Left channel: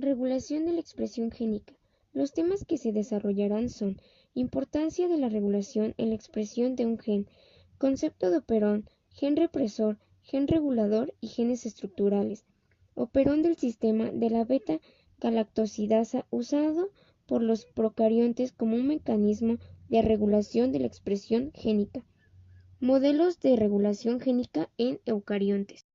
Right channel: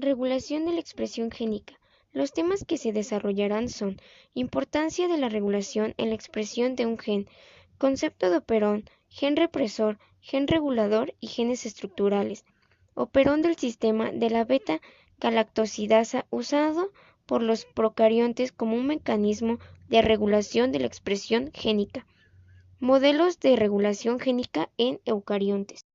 Regulación de la expresión génica. Los temas que se desarrollarán son importancia de la regulación en la expresión de un gen, concepto de operón, gen represor, gen regulador y genes estructurales. Operón del sistema de la beta-galactosidasa usado por los procariontes como un mecanismo de regulación de la expresión génica. Modelos de regulación génica en eucariontes.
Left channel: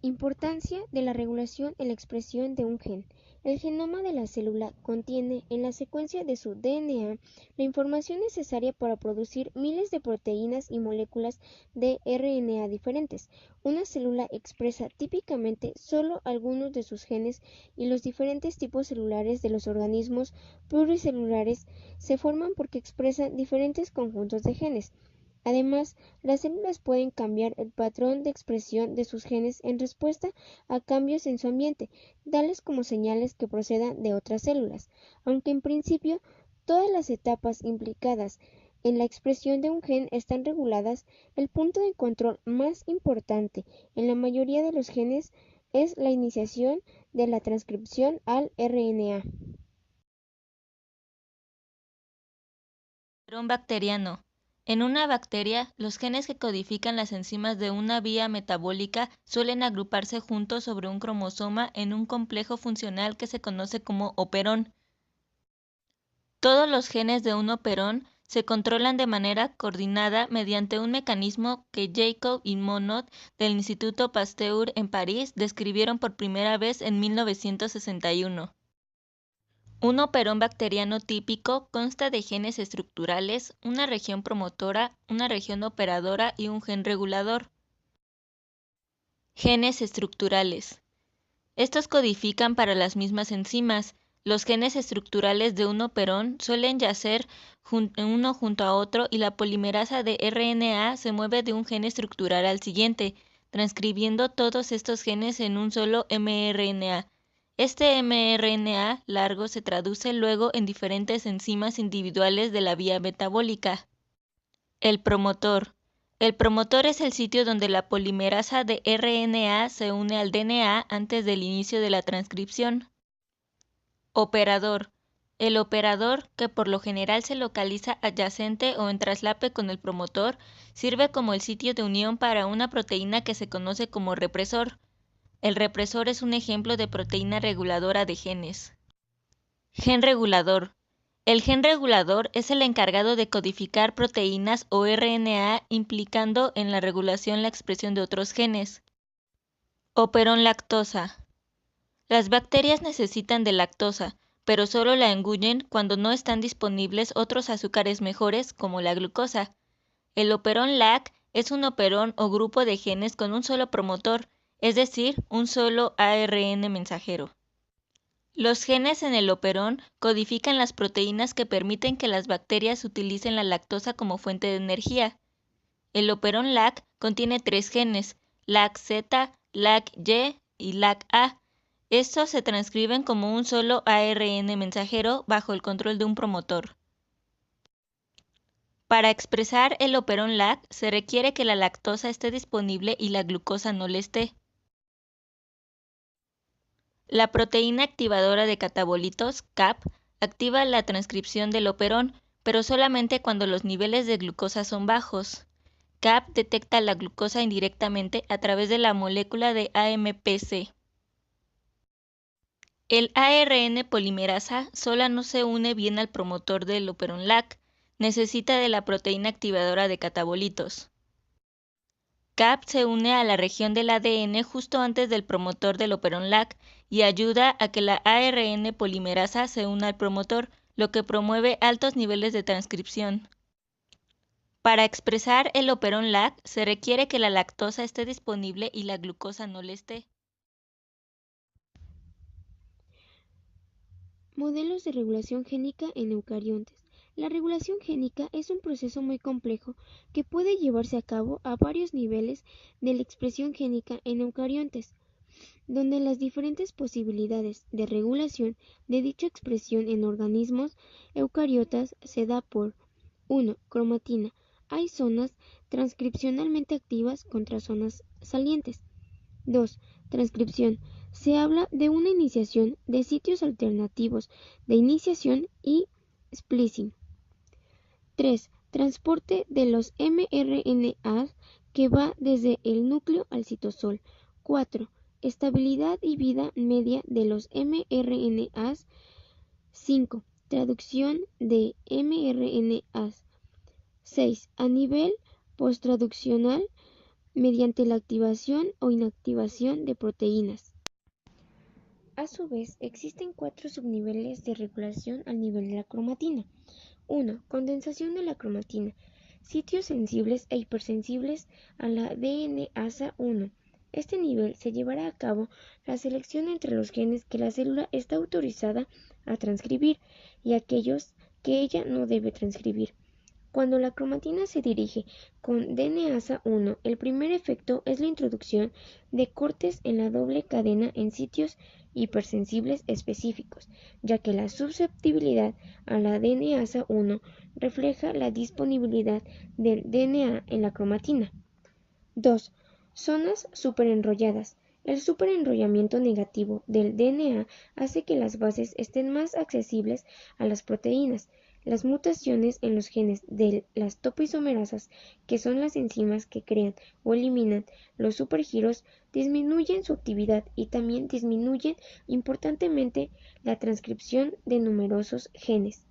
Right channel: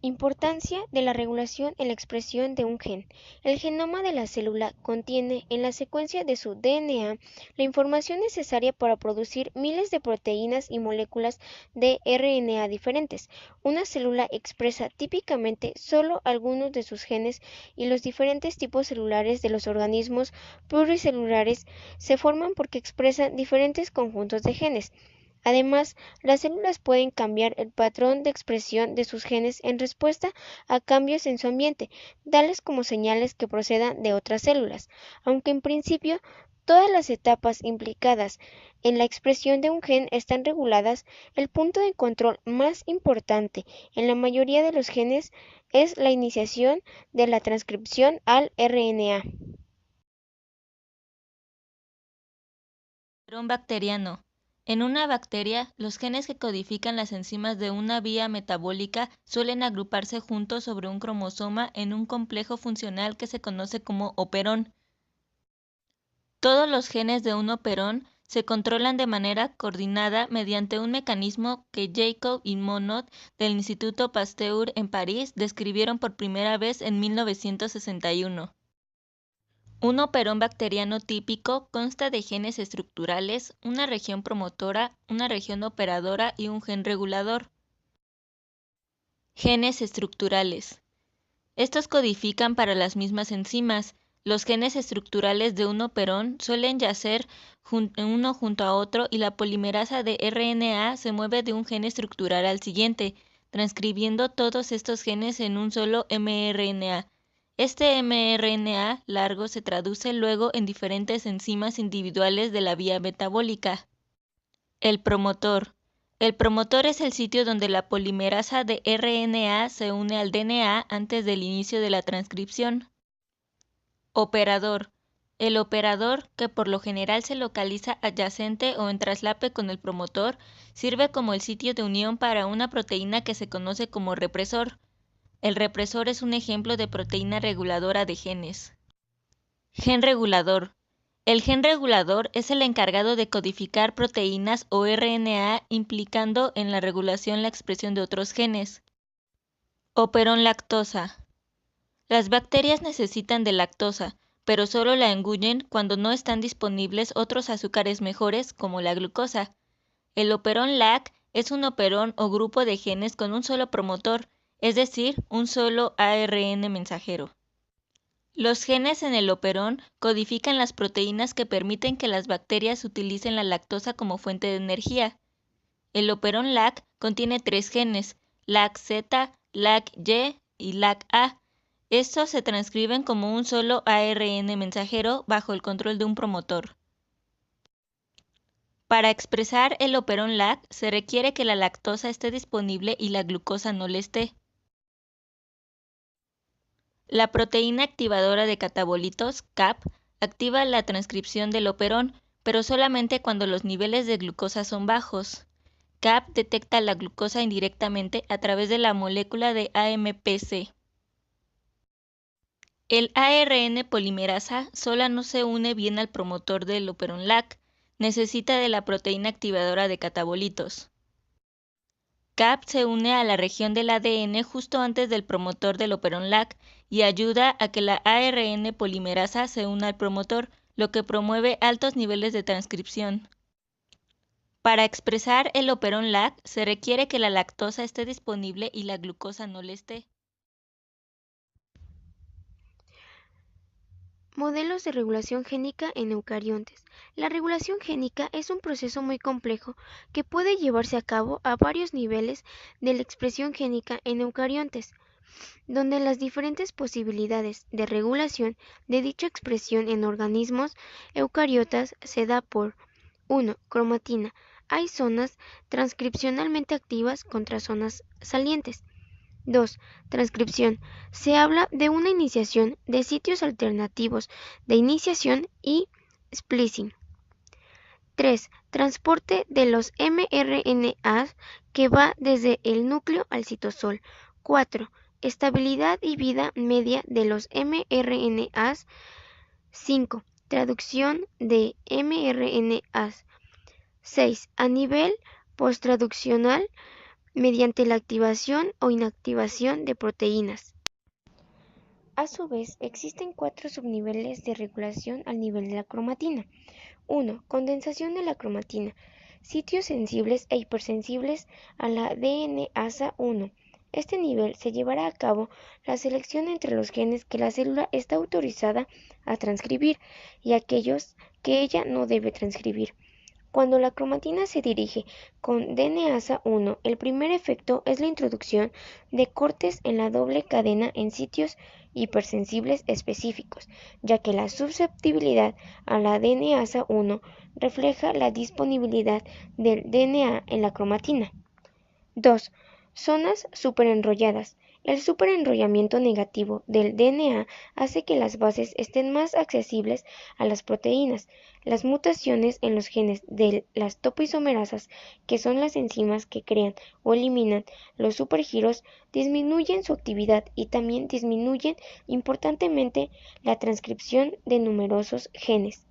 Importancia de la regulación en la expresión de un gen. El genoma de la célula contiene en la secuencia de su DNA la información necesaria para producir miles de proteínas y moléculas de RNA diferentes. Una célula expresa típicamente solo algunos de sus genes y los diferentes tipos celulares de los organismos pluricelulares se forman porque expresan diferentes conjuntos de genes. Además, las células pueden cambiar el patrón de expresión de sus genes en respuesta a cambios en su ambiente, tales como señales que procedan de otras células. Aunque en principio todas las etapas implicadas en la expresión de un gen están reguladas, el punto de control más importante en la mayoría de los genes es la iniciación de la transcripción al RNA. Operón bacteriano. En una bacteria, los genes que codifican las enzimas de una vía metabólica suelen agruparse juntos sobre un cromosoma en un complejo funcional que se conoce como operón. Todos los genes de un operón se controlan de manera coordinada mediante un mecanismo que Jacob y Monod del Instituto Pasteur en París describieron por primera vez en 1961. Un operón bacteriano típico consta de genes estructurales, una región promotora, una región operadora y un gen regulador. Genes estructurales. Estos codifican para las mismas enzimas. Los genes estructurales de un operón suelen yacer uno junto a otro y la polimerasa de RNA se mueve de un gen estructural al siguiente, transcribiendo todos estos genes en un solo mRNA. Este mRNA largo se traduce luego en diferentes enzimas individuales de la vía metabólica. El promotor. El promotor es el sitio donde la polimerasa de RNA se une al DNA antes del inicio de la transcripción. Operador. El operador, que por lo general se localiza adyacente o en traslape con el promotor, sirve como el sitio de unión para una proteína que se conoce como represor. El represor es un ejemplo de proteína reguladora de genes. Gen regulador. El gen regulador es el encargado de codificar proteínas o RNA implicando en la regulación la expresión de otros genes. Operón lactosa. Las bacterias necesitan de lactosa, pero solo la engullen cuando no están disponibles otros azúcares mejores como la glucosa. El operón LAC es un operón o grupo de genes con un solo promotor, es decir, un solo ARN mensajero. Los genes en el operón codifican las proteínas que permiten que las bacterias utilicen la lactosa como fuente de energía. El operón LAC contiene 3 genes, LAC-Z, LAC-Y y LAC-A. Estos se transcriben como un solo ARN mensajero bajo el control de un promotor. Para expresar el operón LAC se requiere que la lactosa esté disponible y la glucosa no lo esté. La proteína activadora de catabolitos, CAP, activa la transcripción del operón, pero solamente cuando los niveles de glucosa son bajos. CAP detecta la glucosa indirectamente a través de la molécula de AMPC. El ARN polimerasa sola no se une bien al promotor del operón LAC, necesita de la proteína activadora de catabolitos. CAP se une a la región del ADN justo antes del promotor del operón LAC y ayuda a que la ARN polimerasa se una al promotor, lo que promueve altos niveles de transcripción. Para expresar el operón LAC se requiere que la lactosa esté disponible y la glucosa no lo esté. Modelos de regulación génica en eucariontes. La regulación génica es un proceso muy complejo que puede llevarse a cabo a varios niveles de la expresión génica en eucariontes, donde las diferentes posibilidades de regulación de dicha expresión en organismos eucariotas se da por 1. Cromatina. Hay zonas transcripcionalmente activas contra zonas salientes. 2. Transcripción. Se habla de una iniciación de sitios alternativos de iniciación y splicing. 3. Transporte de los mRNA que va desde el núcleo al citosol. 4. Estabilidad y vida media de los mRNA. 5. Traducción de mRNA. 6. A nivel posttraduccional mediante la activación o inactivación de proteínas. A su vez, existen 4 subniveles de regulación al nivel de la cromatina. 1. Condensación de la cromatina. Sitios sensibles e hipersensibles a la DNasa 1. Este nivel se llevará a cabo la selección entre los genes que la célula está autorizada a transcribir y aquellos que ella no debe transcribir. Cuando la cromatina se dirige con DNasa 1, el primer efecto es la introducción de cortes en la doble cadena en sitios hipersensibles específicos, ya que la susceptibilidad a la DNasa 1 refleja la disponibilidad del DNA en la cromatina. 2. Zonas superenrolladas. El superenrollamiento negativo del DNA hace que las bases estén más accesibles a las proteínas. Las mutaciones en los genes de las topoisomerasas, que son las enzimas que crean o eliminan los supergiros, disminuyen su actividad y también disminuyen importantemente la transcripción de numerosos genes.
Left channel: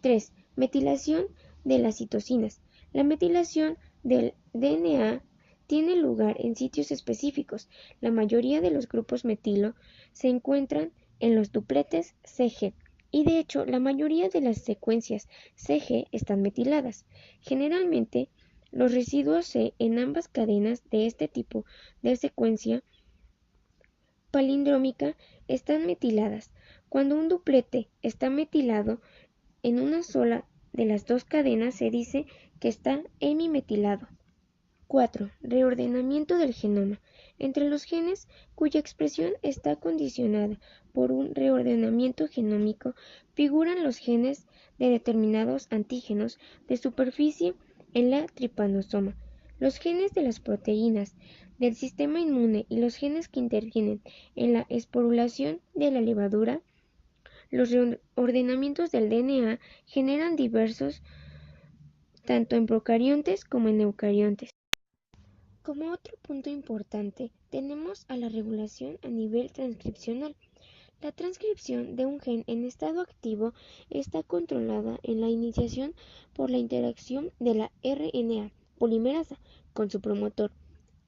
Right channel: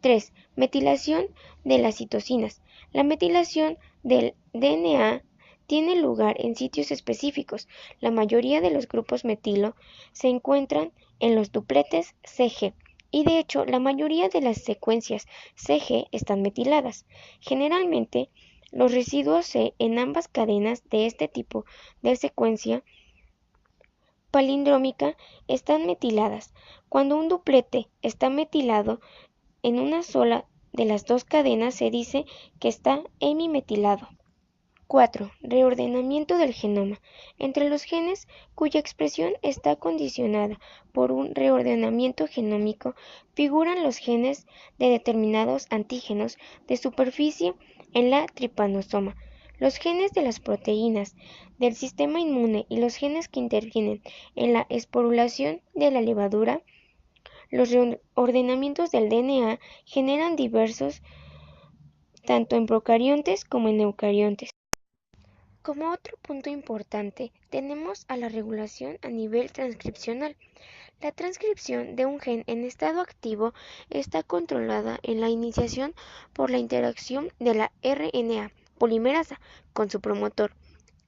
3. Metilación de las citosinas. La metilación del DNA tiene lugar en sitios específicos. La mayoría de los grupos metilo se encuentran en los dupletes CG y de hecho la mayoría de las secuencias CG están metiladas. Generalmente los residuos C en ambas cadenas de este tipo de secuencia palindrómica están metiladas. Cuando un duplete está metilado en una sola de las dos cadenas se dice que está hemimetilado. 4. Reordenamiento del genoma. Entre los genes cuya expresión está condicionada por un reordenamiento genómico figuran los genes de determinados antígenos de superficie en la tripanosoma, los genes de las proteínas del sistema inmune y los genes que intervienen en la esporulación de la levadura. Los reordenamientos del DNA generan diversos tanto en procariontes como en eucariontes. Como otro punto importante, tenemos a la regulación a nivel transcripcional. La transcripción de un gen en estado activo está controlada en la iniciación por la interacción de la RNA polimerasa con su promotor.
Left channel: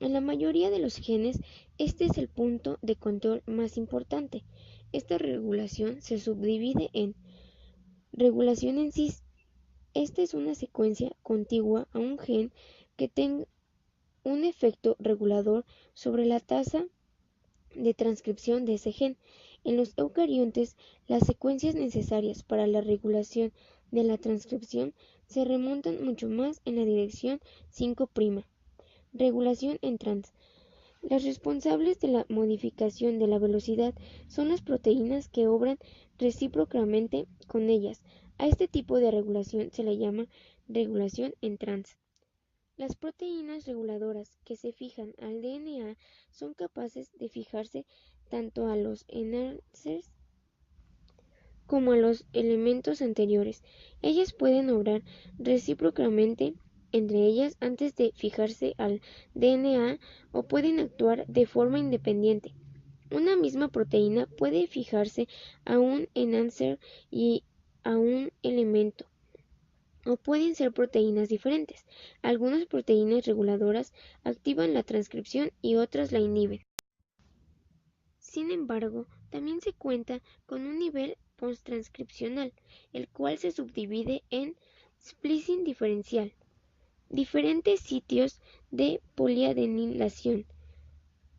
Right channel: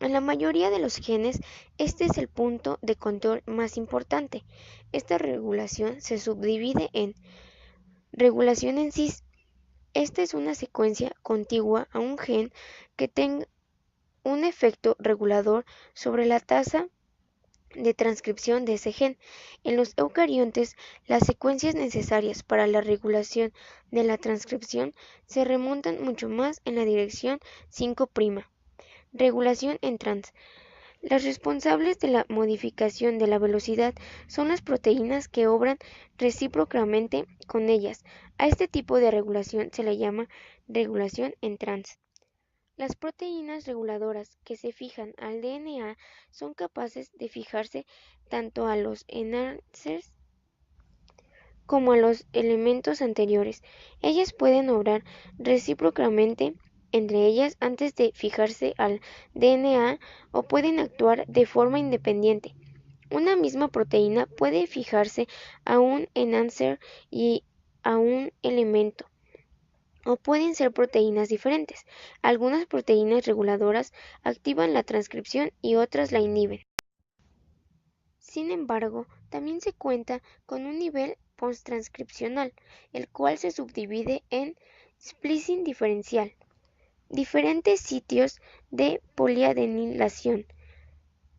En la mayoría de los genes, este es el punto de control más importante. Esta regulación se subdivide en regulación en cis. Esta es una secuencia contigua a un gen que tenga un efecto regulador sobre la tasa de transcripción de ese gen. En los eucariontes, las secuencias necesarias para la regulación de la transcripción se remontan mucho más en la dirección 5'. Regulación en trans. Las responsables de la modificación de la velocidad son las proteínas que obran recíprocamente con ellas. A este tipo de regulación se le llama regulación en trans. Las proteínas reguladoras que se fijan al DNA son capaces de fijarse tanto a los enhancers como a los elementos anteriores. Ellas pueden obrar recíprocamente entre ellas antes de fijarse al DNA o pueden actuar de forma independiente. Una misma proteína puede fijarse a un enhancer y a un elemento, o pueden ser proteínas diferentes. Algunas proteínas reguladoras activan la transcripción y otras la inhiben. Sin embargo, también se cuenta con un nivel posttranscripcional, el cual se subdivide en splicing diferencial, diferentes sitios de poliadenilación,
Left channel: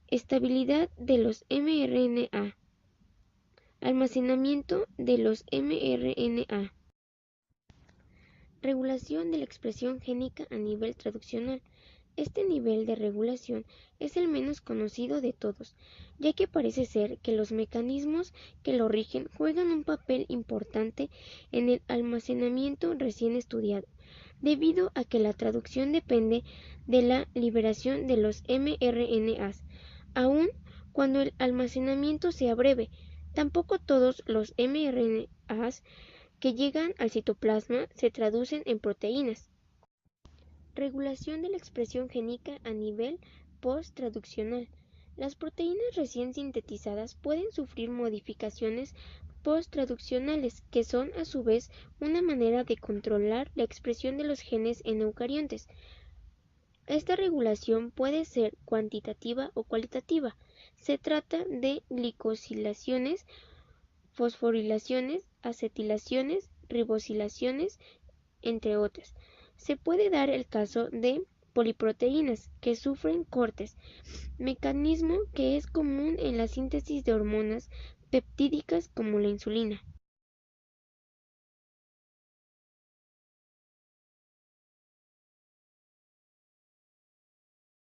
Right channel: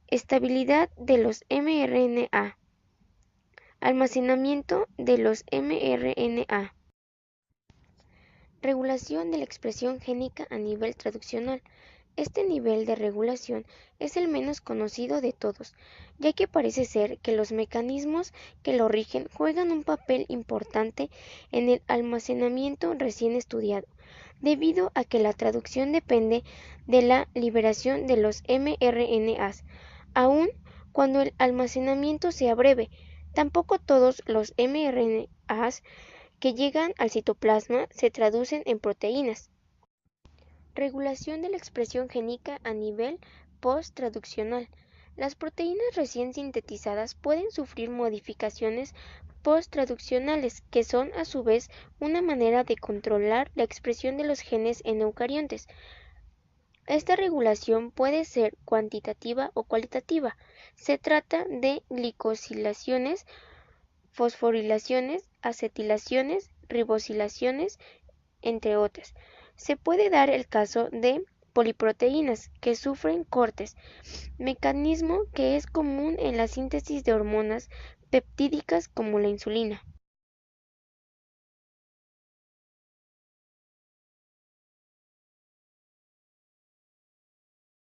estabilidad de los mRNA, almacenamiento de los mRNA. Regulación de la expresión génica a nivel traduccional. Este nivel de regulación es el menos conocido de todos, ya que parece ser que los mecanismos que lo rigen juegan un papel importante en el almacenamiento recién estudiado, debido a que la traducción depende de la liberación de los mRNAs. aun cuando el almacenamiento sea breve. Tampoco todos los mRNAs que llegan al citoplasma se traducen en proteínas. Regulación de la expresión génica a nivel post-traduccional. Las proteínas recién sintetizadas pueden sufrir modificaciones post-traduccionales, que son a su vez una manera de controlar la expresión de los genes en eucariontes. Esta regulación puede ser cuantitativa o cualitativa. Se trata de glicosilaciones, fosforilaciones, acetilaciones, ribosilaciones, entre otras. Se puede dar el caso de poliproteínas que sufren cortes, mecanismo que es común en la síntesis de hormonas peptídicas como la insulina.